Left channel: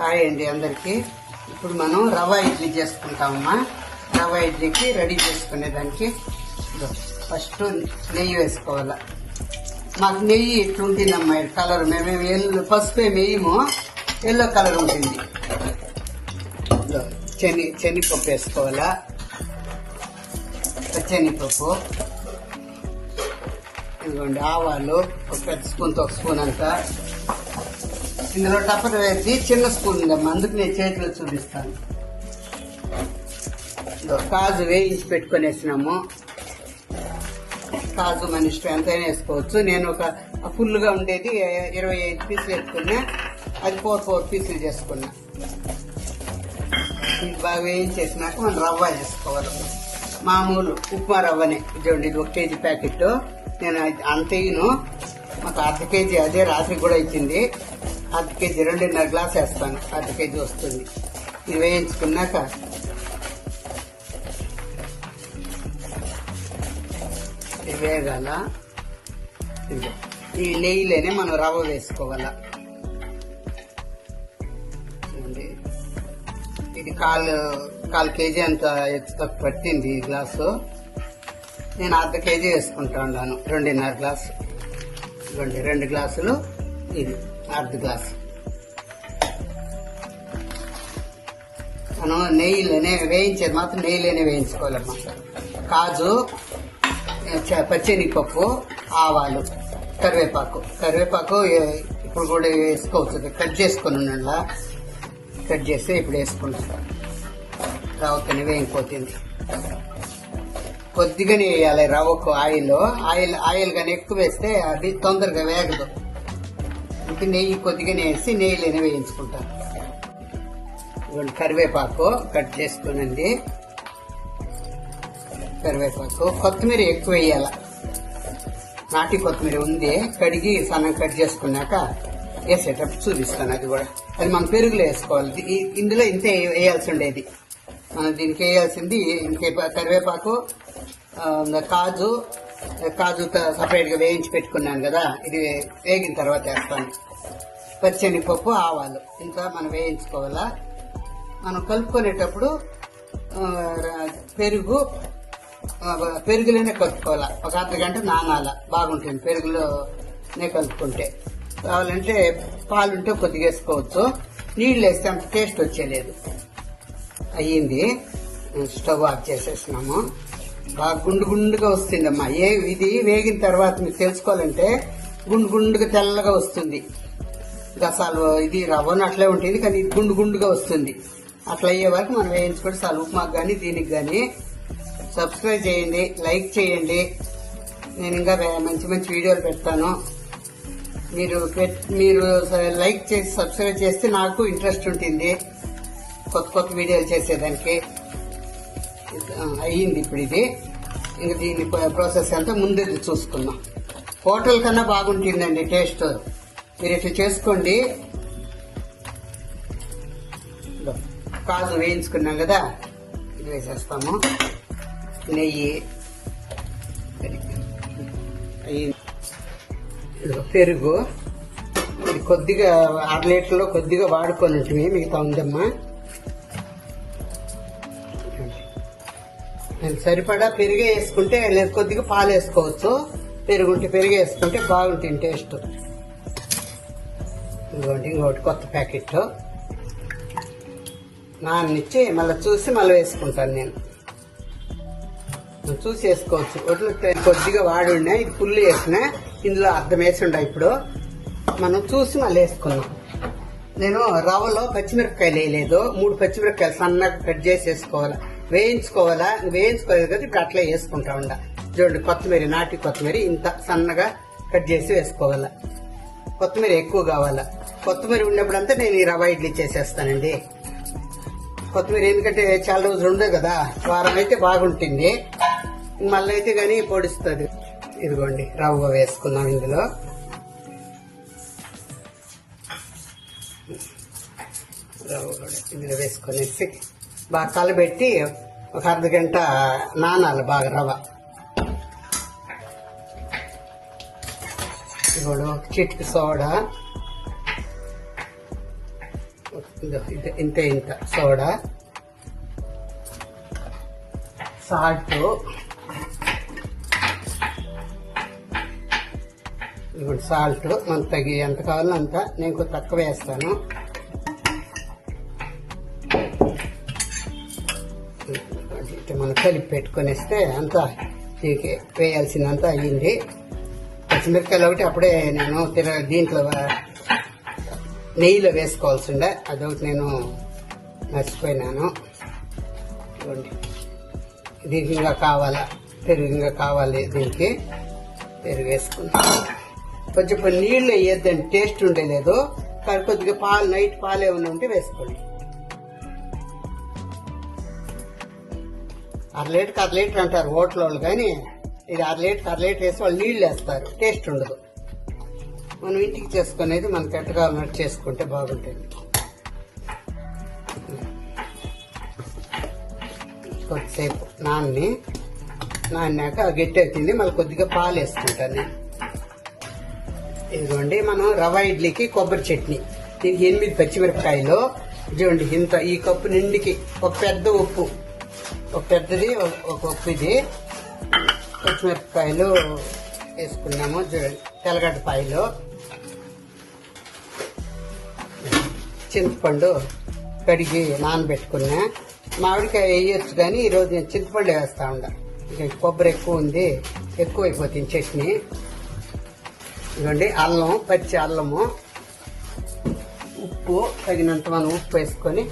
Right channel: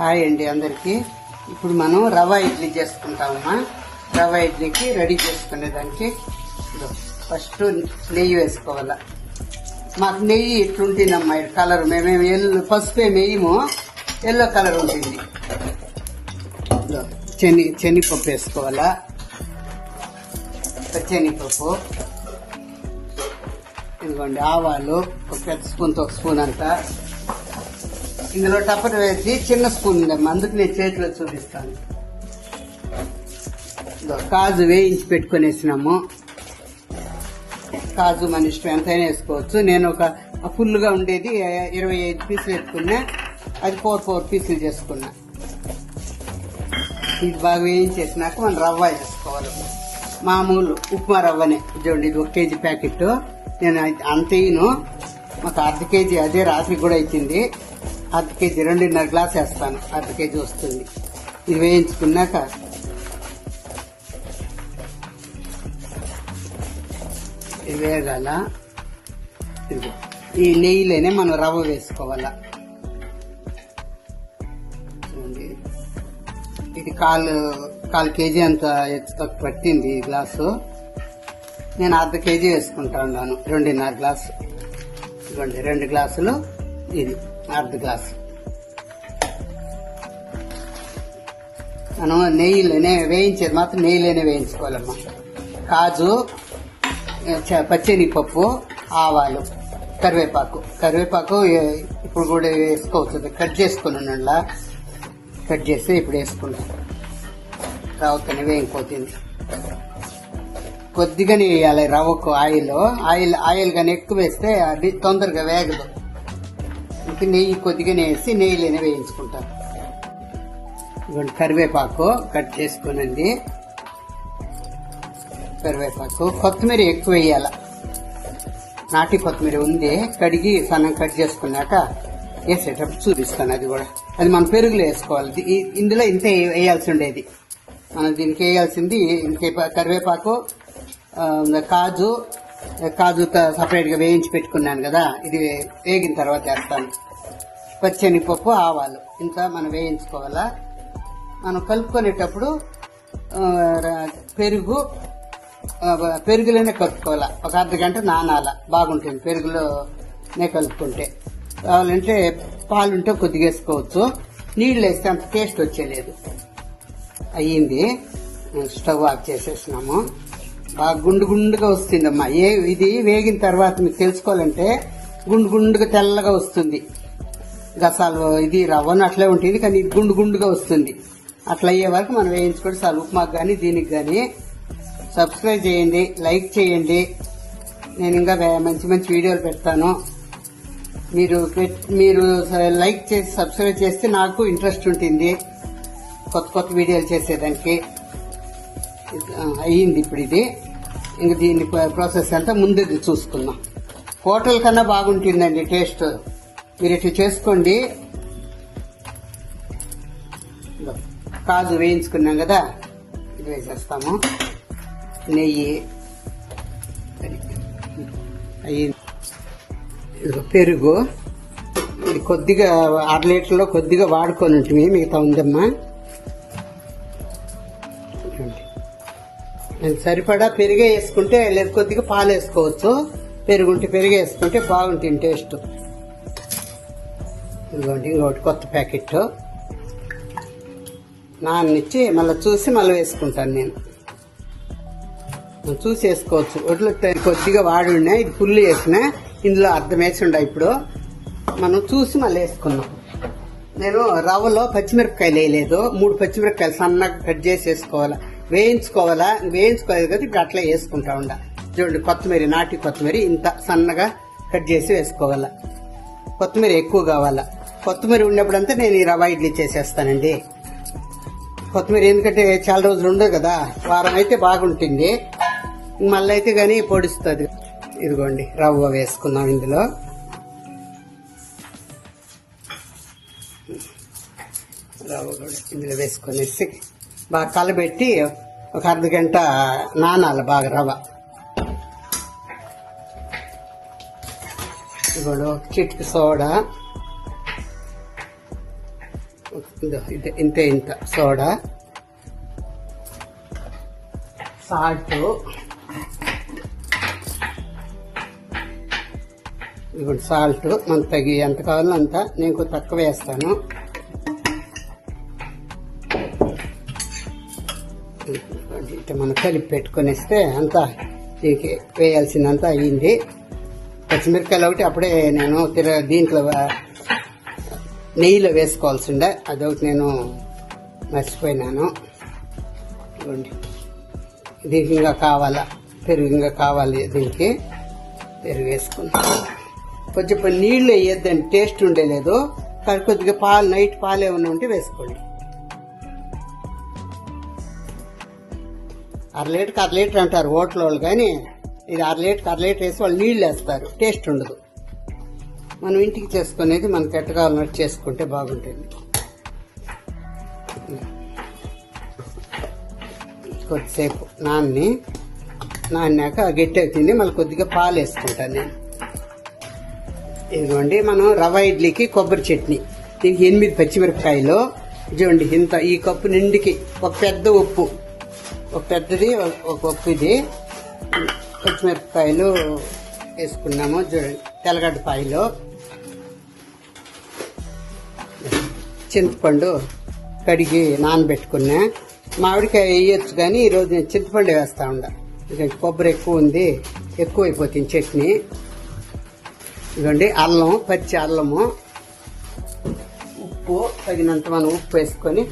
Hi అండి అందరికి. ఇప్పుడు మనం రవ్వ ఇడ్లీ చేసుకుంటామమ్మా. రవ్వ ఇడ్లీకి రెడీ చేసుకునేదానికి ఫస్ట్ నెయ్యి వేసుకోవాలా. మాకు నెయ్యి ఇట్లుంటుందమ్మా ఈ కలర్. మేమేమి ఎల్లు పసుపు నెయ్యము ఎల్లో కలర్ ఉంటుంది. ఇదిగో శని వేసుకోవాలా. శనగపప్పు ఇదిగోండి ఆవాలు ఒక పెద్ద స్పూన్తో ఒక స్పూన్ అంతా. ఇందులో టపర్ వేసి చిన్న స్పూన్ ఉందమ్మా అందుకు నేను చేతిలో చూపిస్తాను కాజు వేయించి పెట్టుకునేసినాము. కాజు మన ఇష్టం ఎంతైనా వేసుకోవచ్చు. నేను ఒక ఫుల్గా ఉండేది ఇరవై ఐదు పీసులు పెట్టుకున్నా. అది ఫోర్ ఫోర్ పీసులు చేసుకున్నా. ఇది బాగా వేయించేసినాక మనం రవ్వ వేసుకోవాలి మామూలు ఉప్మా రవ్వనే. చూడండి ఇది ఒక కేజీ ప్యాకెట్ నేను అంత వేయను. అర్ధ కేజీ అదే రాత్రి కూడా అయిపోయింది. అర్ధ కేజీ రెండున్నర గ్లాస్ వేస్తాను. అర్ధ కేజీ వస్తుంది. ఇది వేయించుకున్నాక ఇది ఈ నెయ్యిలోనే మనం రవ్వ వేసుకోవాలా. ఇది కాలు కాలు కేజీ అంత పట్టింది ఈ గ్లాసు. నేను అర్ధ కేజీ వేసుకుంటా ఉన్నాను రెండున్నర గ్లాసు. రెండు రెండు గ్లాసులు ఇది. అర్ధ గ్లాసు మనం నెయ్యిలోనే వేయించేది మాత్రం నెయ్యిలోనే వేయించుకోవాలమ్మా కాజు చ- ఆవాలు కరివేపాకు. కరివేపాకు ఇప్పుడు కూడా వేసుకోవచ్చు. కట్ చేసుకుని ఉండాలా కట్ చేసి ఇప్పుడు వేసుకున్నాం రవ్వకనే వేయిపోతుంది కొద్దిగానే వేయాలి రవ్వకు ఆయిల్. ఆయిల్ ఆయిల్ కానీ ఎక్కువ వేస్తే అది తొందరగా వేగదు. ఇంక నెయ్యి కొద్దిగానే వేసి నెయ్యిలోనే వేయించుకుంటాం. ఇదిగోండి కరివేపాకు కట్ చేసుకోనండి. కరివేపాకు కొత్తిమీర ఎక్కువ వేయాల. నాటి కొత్తిమీర ఉంది కడిగి సన్నం కట్ చేసుకున్నాక వేసేటప్పుడు చూపిస్తాను అది కూడా. అది మన పెరుగులో వేసుకోవాలి. ఇందులో ఇంత వేయాల్సి ఉండేది. మనం దీనికి వేయాల్సింది ఇంకే కరివేపాకు కాజు కాజు సపరేట్గా వేయించి పెట్టుకున్నాను కదా ఇది వేగిన తర్వాత వేస్తాను. పచ్చనిపప్పు ఆవాలు. ఇంత మనం వేయించుకోవాలా? మనం కలుపుకునేటప్పుడు పెరుగు పెరుగులోనే కలుపుకోవాలా? ఒక అర్ధ గంట నానాల? బాగుంటుంది పెరుగులోనే కలుపుకుంటే. కావాలంటే పాలుంటే కొద్దిగా వేసుకోవచ్చు. నీళ్ళు వేస్తే అంత టేస్ట్ వచ్చేలేదు. అయ్యింది. స్టవ్ ఆఫ్ చేసేసినాము బాగా గుండు గుండుగా వస్తుందమ్మా. ఏ ఇది వేగిన తర్వాత మీరు తెలుసుకోవాలంటే గుండు గుండుగా తెల్లగా వస్తుంది. గసాలు ఇది రవ్వను అట్లే ఉంటుంది కానీ ఇది గుండు గుండుగా వస్తుంది. అట్లా అయ్యే వరకు మనం వేయించుకోండి చాలు ఉప్మాకు కానీ దీనికి కానీ సబ్స్క్రైబ్ చేయండి లైక్ చేయండి. నేను ఇంకా మంచి మంచి వీడియోలు పెడతాను. మీరు మీరు లైక్ చేసి సబ్స్క్రైబ్ చేస్తే నాకు ఇంట్రెస్ట్ ఉంటుంది. కొత్త కొత్త వీడియోలు చేసేదానికి. అయ్యింది ఇప్పుడు ఇది. ఇంక దీని ప్రాసెస్ అంతా ముందే చూసుకున్నాం హోటల్ కన్నా బాగుంటుందండి టేస్ట్ మీరు ఇట్లా చేసుకోండి. కాజు వేయించుకున్నాం కదా ఇది వేసేస్తాము. నెయ్యి. పెరుగు. కొద్దిగా అర లీటర్లో కొద్దిగా వాడుకొని ఉంటుంది మిగతా ఉందమ్మా. సరిపడా పెరిగే వేసుకుంటే లేదు కొద్దిగా పాలు వేసుకోవచ్చు. పెరుగుంటే పెరుగు వేసుకుంటే బాగుంటుంది టేస్ట్. ఇదిగోండి ఇంకోటి కొత్త ప్యాకెట్. నాన్నిచ్చి మళ్ళీ చూసి మళ్ళీ వేసుకుంటాను నేను. చూసి వేసుకోవచ్చు. ఒడ్లు కొద్దిగా వాడి ఉన్నాయి ఇది ఫుల్ వేసిన ఇందులో అర్థం వేసి ఉండ ఇప్పుడు. మనం చూసి మళ్ళీ వేసుకున్నాం నేను రవ్వలో పచ్చిమిరపకాయలు వేయలేదు. మూడు పచ్చిమిరపకాయలు సన్నగా కట్ చేసి వేసుకోవాలి. వేయించుకోవాలా? వేయించుకోలేదు కదా ఇప్పుడు అట్లా వేసుకుంటా ఉండాలి చూడండి కొత్తిమీర నాటి కొత్తిమీర ఇంత సన్నగా కట్ చేసి వేసుకోవాలా. కొత్తిమీర ఎక్కువ కావాలా. కొత్తిమీర ఉన్నప్పుడంతా నేను ఈ రవ్వ ఇడ్లీ చేసేస్తానండి. కొత్తిమీర ఎందుకంటే చాలా రోజులు ఉండదు కదా. వారం అయితే బాగుంటుంది. మళ్ళీ అయితే కానీ పొడుస్తుంది. ఇదిగోండి రవ్వ వేసుకున్నాం ఇందులో. రవ్వ ఇందులో వేసుకొని బాగా కలబెట్టి ఒక అర్ధ గంట నానాలి బాగా రవ్వ. ఇదిగోండి సోడా. ఇంత ఇంతే ఇంత సోడా. సాల్ట్. ఇప్పుడు సాల్ట్. మనకు తగి ఎంత కావాలో అంత నేను తక్కువ వేస్తాను. ఇట్లా మనం కలిపి పెట్టుకొని ఇస్తే అంతా దీనికి వేయాల్సిందంతా అయ్యింది. పచ్చిమిరపకాయలు ఒకటి అప్పుడే నేను దీంట్లో నెయ్యిలో వేసుకోవాల్సి ఉండే అదొకటి నేను మర్చిపోయినాను. చూడండి దీనికి ఇంకా కావాలా? పెరుగు ఇంకా కావాలి దీనికి. పెరుగు వేసుకుంటాం కొంచెం నీళ్ళు వేయద్దని టేస్ట్ ఉండేలేదు. కానీ కొద్దిగా పాలు నైట్ పాలు ఏమైనా ఉంటే వేసుకోండి. అర లీటర్కి అర లీటర్ అంటారు ఓట్ల వాళ్ళు కానీ ఇది అర లీటర్కి అర లీటర్ వేసి వాళ్ళు నీళ్ళు వేస్తారు. టేస్ట్ ఉండదు. మనం ఇంటికి చేసుకునేది మనకి ఎట్ట కావాలన్నట్టు చేసుకుంటే బాగుంటుంది. కొద్దిసేపు నాన్ని నాన్నాక గట్టి అవుతుంది మళ్ళీ కొద్దిగా పాలు వేసుకుంటాను నేను. ఇదిగోండి మనం రవ ఇడ్లీకి కొబ్బరి చట్నీ. దీనికి ఎనిమిది పచ్చిమిరపకాయలు. ఇదిగోండి ఇంత ఈ కప్పు నిండికి ఒక పెద్ద ఉప్పు. ఒక పెద్దది ఒక- ఒక పచ్చిమిరపకాయలు వేసుకున్నాము. చూడండి తెల్లగడ్డపాయలు చింతపండు కడిగి నానబెట్టుకున్నా. మామిడికాయ వేయొచ్చు కానీ ఈరోజు నేను చింతపండు వేస్తా ఉండ. ఇక కొబ్బరి ఎక్కువ ఉంది. ఎక్కువ అయిపోతుంది చట్నీ. ఇదండి అల్లం పచ్చి అల్లము. ఉప్పు తగినంత మనం ఉప్పు వేసుకొని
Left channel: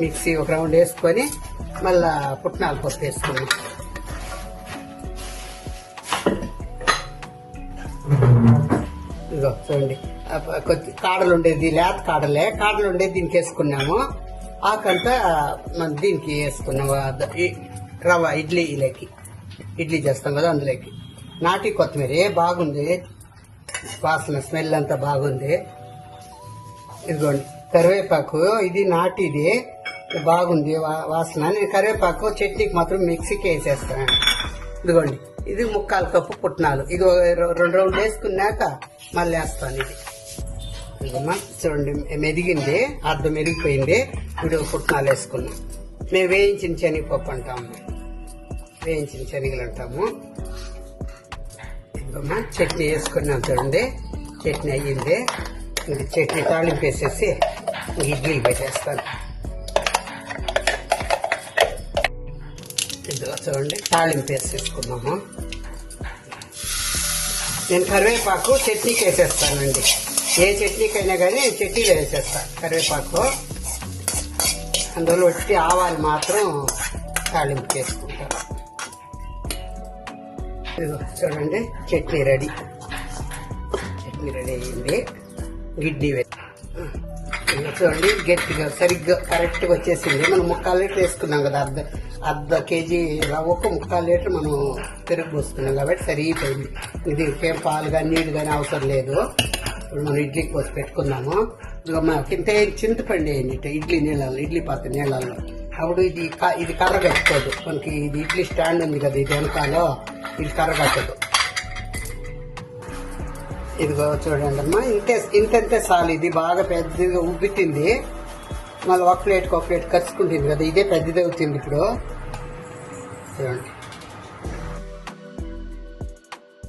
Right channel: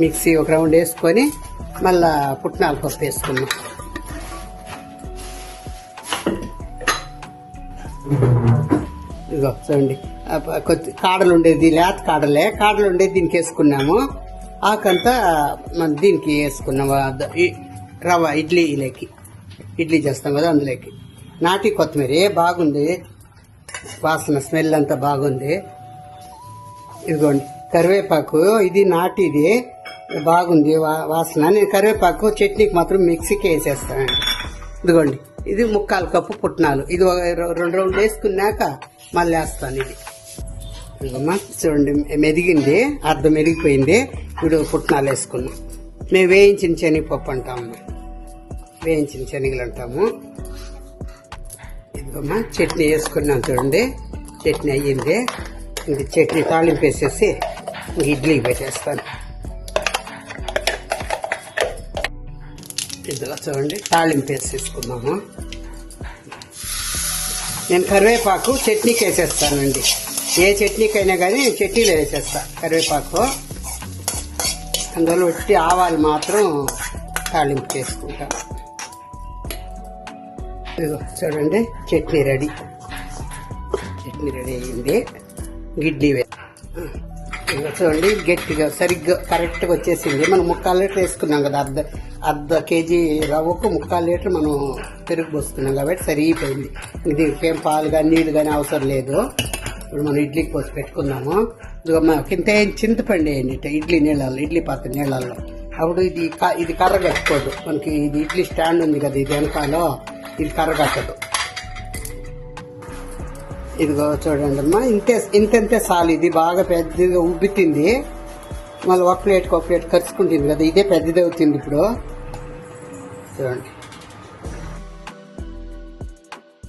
మిక్సీ ఒక రౌండ్ వేసుకొని మళ్ళా పుట్నాల పప్పు వేసుకుని ఇదిగో చూడండి. కొద్ది కాడలు ఉండేది లేత కాడలే. కాడలు ఉండేది దీనికి వేసుకున్నాము. ఆకంతా మనం దీనికి వేసుకున్నాము. రవ రవ్వ ఇడ్లీలోకి ఇడ్లీ చేస్తాం కదా అందులోకి. నాటి కొత్తిమీర బాగుంది. వాసన స్మెల్ అంతా బాగుంది. ఇదిగోండి కరివేపాకు ఇది నాటిది. బాగుంది వా- వాసన. నేను కరివేపాకు చట్నీకి మాత్రం మిక్సీకి వేసేస్తాను. ఇదిగోండి ఇది ముక్కాలు కప్పు పుట్నాలు. ఇది ఒక రెండు రోజులు వేసుకున్నాక మళ్ళీ వేస్తాను ఇది. ఇదిగమ్మా చూడండి మెదిగింది అర్ధం మెరిగిపోయింది ఇప్పుడు పుట్నాలు వేసుకున్నాం. మేము వేయించిన శనగపప్పు అంటాము. వేయించిన శనగలు అంటాము. ఇదిగమ్మా చట్నీ వేసుకున్నాం చూడండి. చట్నీ అయ్యింది. ఇంక చట్నీ తాళింపు వేసేసి ఇడ్లీ ఇడ్లీలు పెట్టేస్తాను. ఇదిగో చూడండి తాళింపు వేసేసుకున్నాము నేను కరివేపాకు చట్నీకి వేసేస్తానండి. ఏ చట్నీకైనా కానీ చట్నీలో వేసేస్తా కరివేపాకు. అందులో వచ్చి ఆవాలు మాత్రం తాళింపు చేసుకుంటా. ఇదిగో చూడండి చట్నీ రెడీ. చట్నీ రెడీ అయ్యింది గిడ్డి చూడండి గట్టిగా సరిగ్గా కరెక్ట్గా వచ్చేసింది. మనం ముక్కాలు లీటర్ వేసుకున్నాం కదా అర్థం అర్ధ కేజీ రవ్వకు ముక్కాలు లీటర్ మనం పెరుగు పోసుకున్నాం కాబట్టి సరిగిపోయింది దీనికి ఏం పాలు కానీ నీళ్ళు కానీ అవసరం లేదు. ఇప్పుడు మనం ఇడ్లీ పోసి పెట్టుకున్నాము. మనకి ఇంత చింతపండు వేయండి ఇడ్లీ నీళ్ళలో ఇడ్లీ పాత్ర నీళ్ళలో. అప్పుడు ఇది ఇది కర్ర కట్టుకోదు మనకి ఇది ఇడ్లీ స్టాండ్ ఉంది కదా ఇది వెనకాలో ఇది కర్ర కట్టదు ఇదిగో చూడండి అమ్మా ఇంతే ఇంతంతే సాలు. ఇది బాగా పెద్దగా ఉబ్బితుంది. మళ్ళీ ఒక ప్లేట్కి ఒక ప్లేట్ ఖర్చుకుంటుంది కదా. ఇదే పెద్దది అవుతుంది ఇప్పుడు. చూడండి.